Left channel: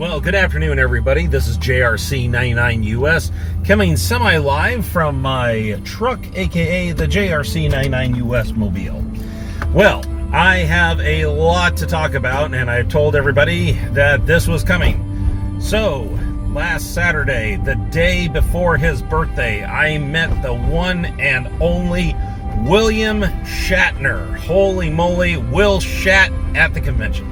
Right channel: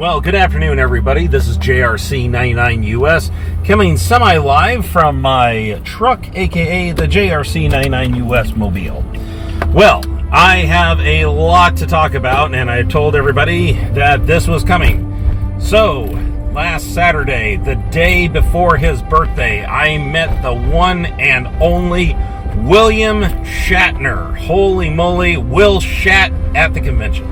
Well, good afternoon, everybody. This is JRC99US coming semi-live from my truck, aka the JRC99US Mobile. Well, I have a lot to talk about, and I told everybody that this was coming. So, last Saturday, the day before his birthday, I met the one and only William Shatner. Holy moly, Will Shat at the convention.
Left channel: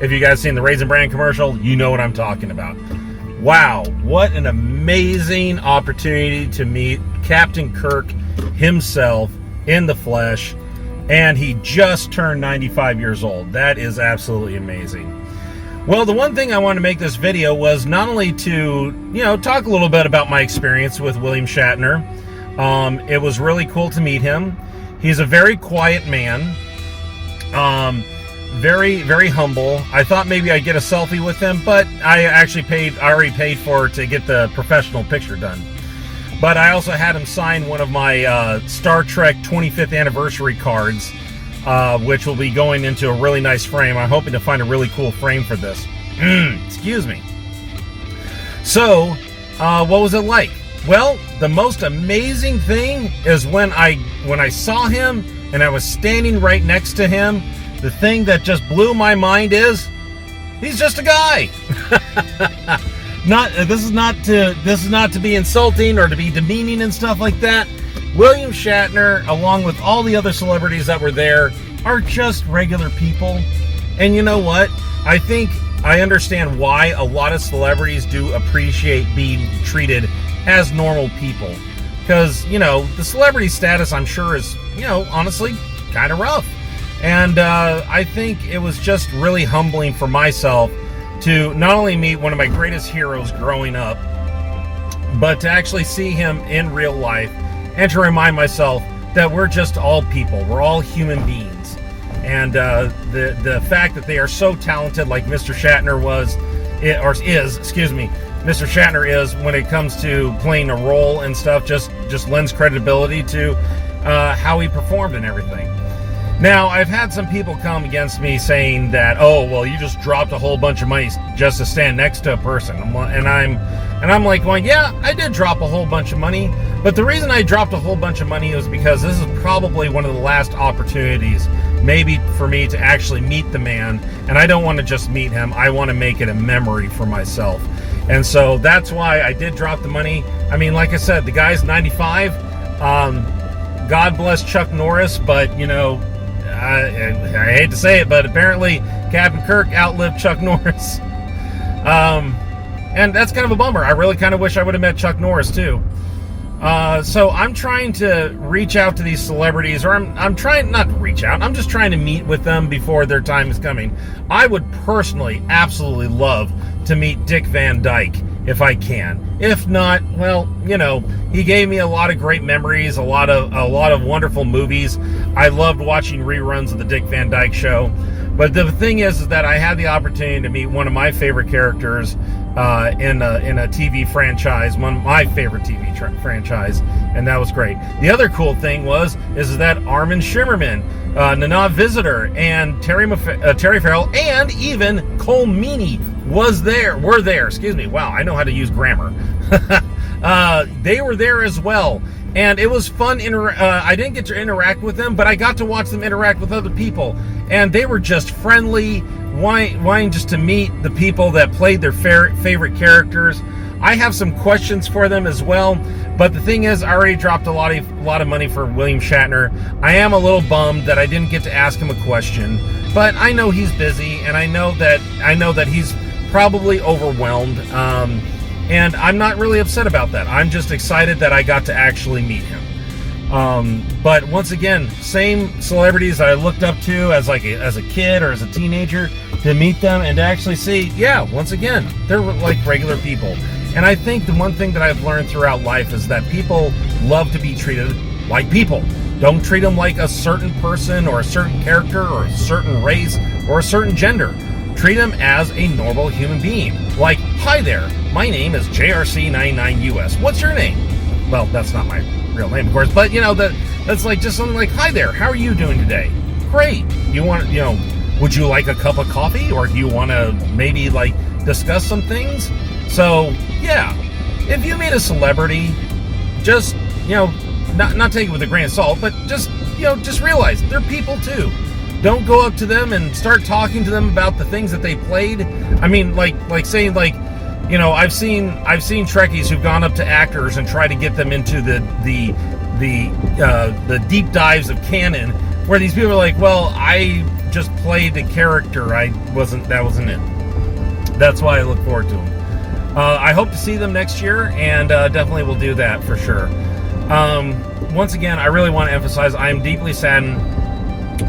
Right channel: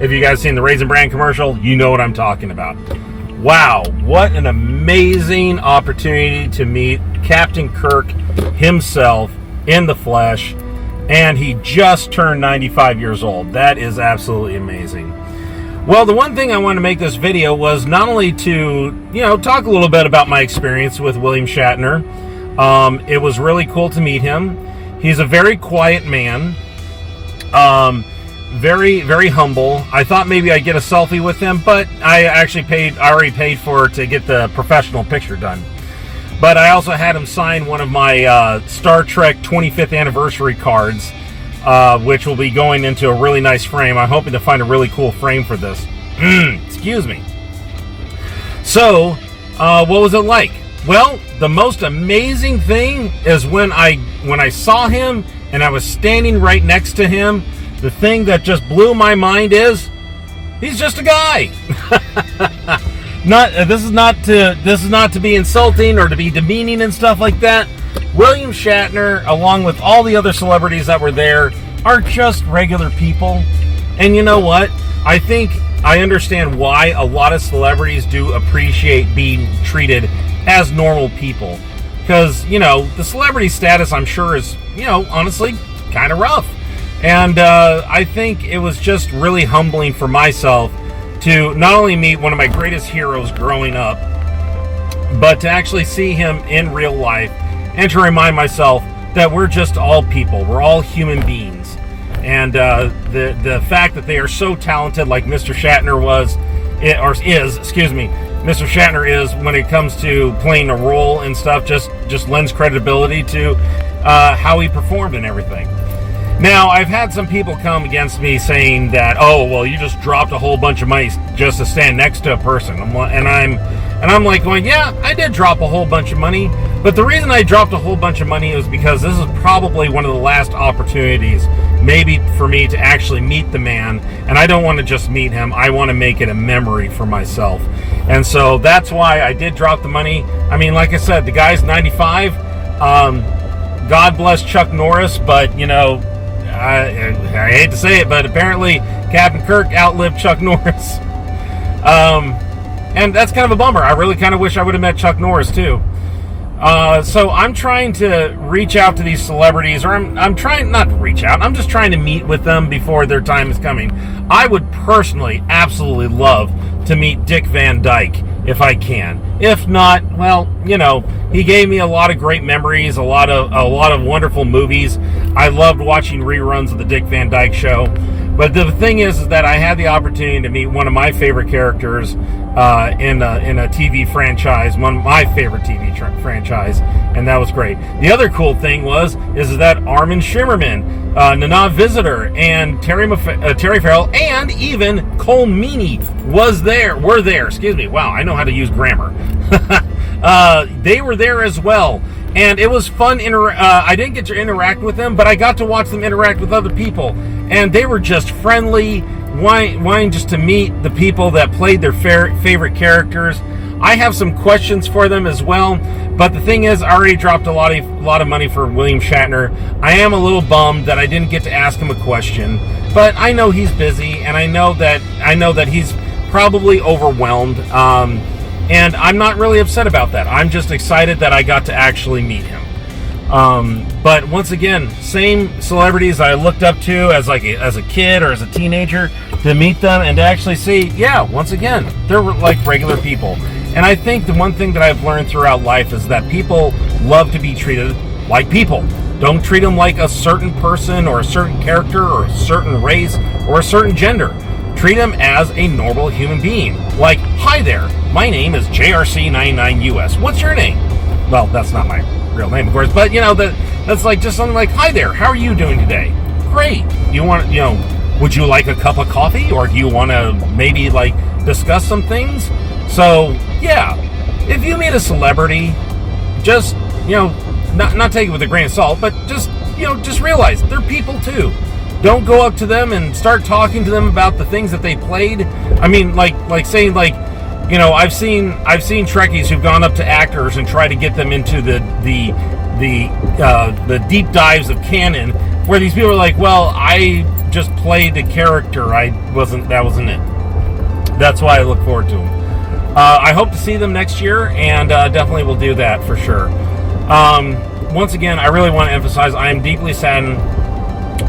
If you guys seen the Raisin Bran commercial, you know what I'm talking about. Wow, what an amazing opportunity to meet Captain Kirk himself in the flesh, and he just turned 95 years old. That is absolutely amazing. Well, the one thing I wanted to make this video was not only to, talk a little bit about my experience with William Shatner. It was really cool to meet him. He's a very quiet man. Very, very humble. I thought maybe I'd get a selfie with him, but I already paid for it to get the professional picture done. But I also had him sign one of my Star Trek 25th anniversary cards, which will be going into a really nice frame. I'm hoping to find a really cool frame for this. Excuse me. So, what was it like? Well, the most amazing thing is when I saw him and I was standing right next to him. The thing that just blew my mind is he's just a guy. This is not to be insulting or to be demeaning and stuff like that. William Shatner, along with all the other celebrities that were there, are just regular people. And you know what? I think I understand why a lot of celebrities do appreciate being treated as normal people. Because, the celebrity status, I'm sure, is, honestly, kind of rough. And I think it was just really humbling for myself to not only meet one of my greatest heroes growing up, but to actually see him in real life and to remind myself that we're just all people. We're all human beings. And the fact that they are so talented like Mr. Shatner Mr. Shatner is when it comes to playing a role and stuff, just lends credibility to how he performed and everything. Now, I've had some people come against me saying that, oh, well, you just dropped a whole bunch of money just to stand next to a person. And I'm like going, yeah, I did drop a whole bunch of money. But the reason I dropped a whole bunch of money was because this is probably one of the last opportunities maybe for me to actually meet the man. And I don't want to just meet him. I want to make it a memory for myself. And so that's why I did drop the money. I mean, like I said, the guy's 95. God bless Chuck Norris, but, I hate to say it, but apparently Captain Kirk outlived Chuck Norris. And that's kind of a bummer. I really kind of wish I would have met Chuck Norris too. So I'm trying to reach out to these celebrities, or I'm trying not to reach out. I'm just trying to meet with them before their time is coming. I would personally absolutely love to meet Dick Van Dyke if I can. If not, well, he gave me a lot of great memories, a lot of wonderful movies. I loved watching reruns of the Dick Van Dyke Show. But the thing is that I had the opportunity to meet one of my favorite characters in a TV franchise, one of my favorite TV franchise, and that was great. The other cool thing is that Armin Shimmerman, Nana Visitor, and Terry Farrell, and even Cole Meany were there. Excuse me. Wow, I know how to use grammar. They were there as well. And it was fun. I didn't get to interact with them, but I got to watch them interact with other people. And they were just friendly, wanting just to meet the people that played their favorite characters. I have some questions for them as well. But the thing is, I already dropped a lot of money for William Shatner. I am a little bummed that I didn't get to ask him a question. But I know he's busy, and I know that he's probably overwhelmed. And I'm not really upset about that. I'm just excited that I got to actually meet him. But once again, same celebrities I looked up to as a kid or as a teenager, to meet them and to actually see, yeah, once again, they're like regular people. And I think the one thing that I've learned throughout life is that people love to be treated like people. Don't treat them like a certain person or a certain character or a certain race or a certain gender. Treat them as a normal human being. Like, hi there, my name is JRC99US. What's your name? Well, that's not my real name, of course, but that's like just something like, hi there, how are you doing today? Great. You want, would you like a cup of coffee, or do you want to maybe like discuss some things? So yeah, if you meet a celebrity, just, you know, not take it with a grain of salt, but just, you know, just realize they're people too. Don't go up to them and start talking to them about the things that they played. I mean, like saying, like, you know, I've seen Trekkies who've gone up to actors and tried to get them into the deep dives of canon, where these people are like, well, I just played a character. That wasn't it. That's why I look forward to them. I hope to see them next year, and definitely will do that for sure. Once again, I really want to emphasize, I am deeply saddened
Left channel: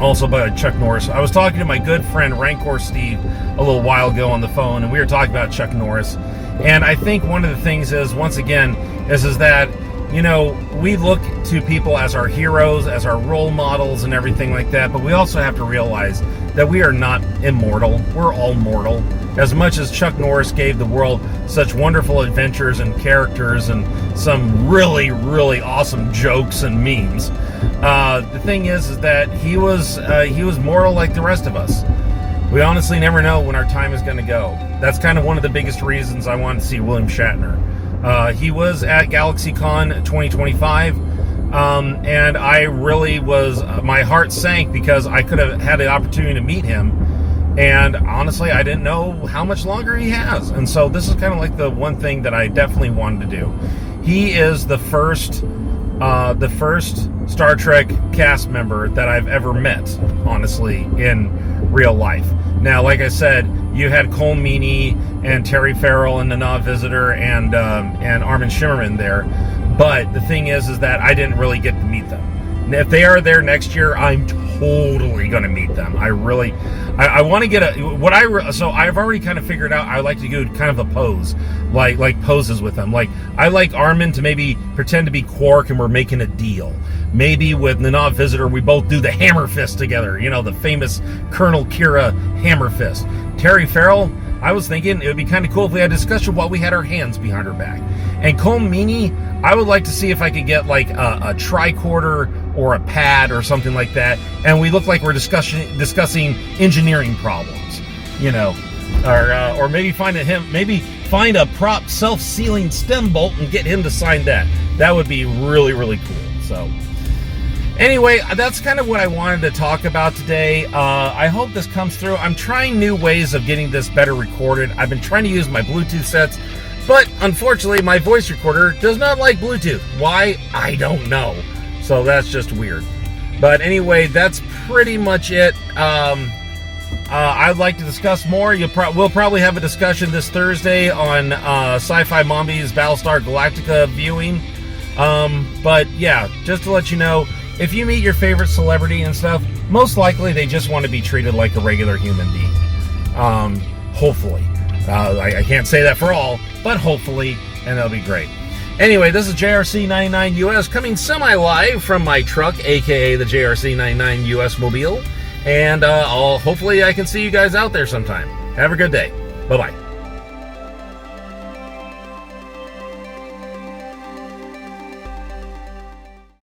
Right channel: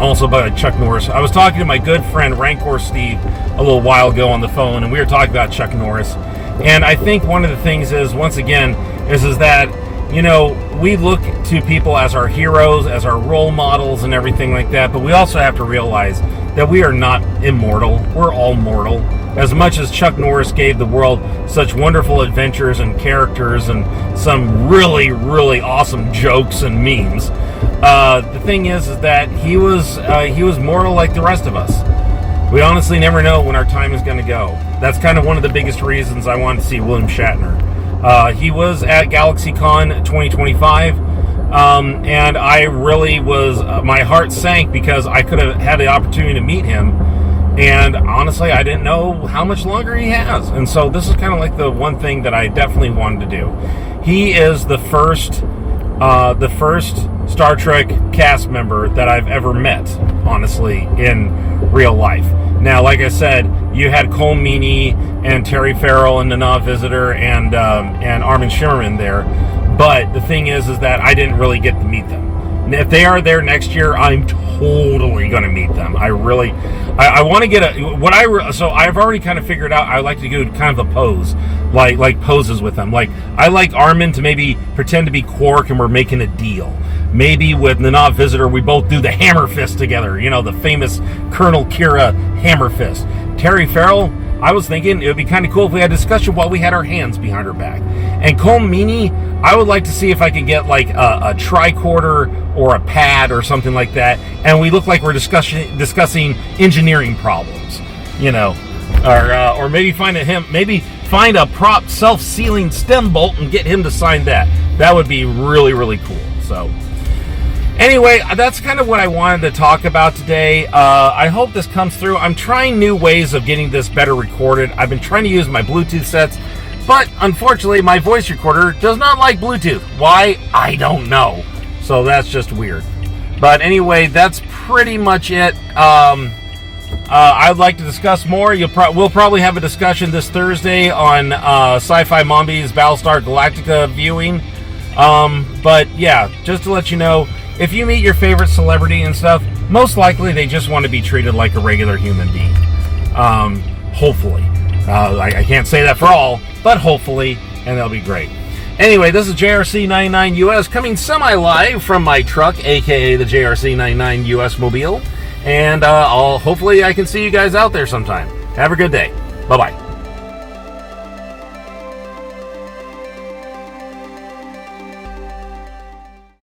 also by Chuck Norris. I was talking to my good friend Rancor Steve a little while ago on the phone, and we were talking about Chuck Norris. And I think one of the things is, once again, is that, you know, we look to people as our heroes, as our role models and everything like that, but we also have to realize that we are not immortal. We're all mortal. As much as Chuck Norris gave the world such wonderful adventures and characters and some really, really awesome jokes and memes, the thing is that he was mortal like the rest of us. We honestly never know when our time is going to go. That's kind of one of the biggest reasons I wanted to see William Shatner. He was at GalaxyCon 2025, and I really was, my heart sank because I could have had the opportunity to meet him, and honestly, I didn't know how much longer he has. And so this is kind of like the one thing that I definitely wanted to do. He is the first Star Trek cast member that I've ever met, honestly, in real life. Now, like I said, you had Cole Meany and Terry Farrell and Nana Visitor and Armin Shimmerman there, but the thing is that I didn't really get to meet them. And if they are there next year, I'm totally going to meet them. I want to get so I've already kind of figured out I like to do kind of a pose, like poses with them. Like, I like Armin to maybe pretend to be Quark and we're making a deal. Maybe with Nana Visitor, we both do the hammer fist together, you know, the famous Colonel Kira hammer fist. Terry Farrell, I was thinking it would be kind of cool if we had a discussion while we had our hands behind our back. And Cole Meany, I would like to see if I could get like a tricorder or a pad or something like that, and we look like we're discussing engineering problems, you know, or maybe find a prop self-sealing stem bolt and get him to sign that. That would be really, really cool. So anyway, that's kind of what I wanted to talk about today. I hope this comes through. I'm trying new ways of getting this better recorded. I've been trying to use my Bluetooth sets, but unfortunately my voice recorder does not like Bluetooth. Why? I don't know. So that's just weird. But anyway, that's pretty much it. I'd like to discuss more. We'll probably have a discussion this Thursday on Sci-Fi Mombi's Battlestar Galactica viewing. But yeah, just to let you know, if you meet your favorite celebrity and stuff, most likely they just want to be treated like a regular human being. Hopefully. I can't say that for all, but hopefully, and that'll be great. Anyway, this is JRC99 US coming semi-live from my truck, aka the JRC99 US Mobile. And hopefully I can see you guys out there sometime. Have a good day. Bye-bye.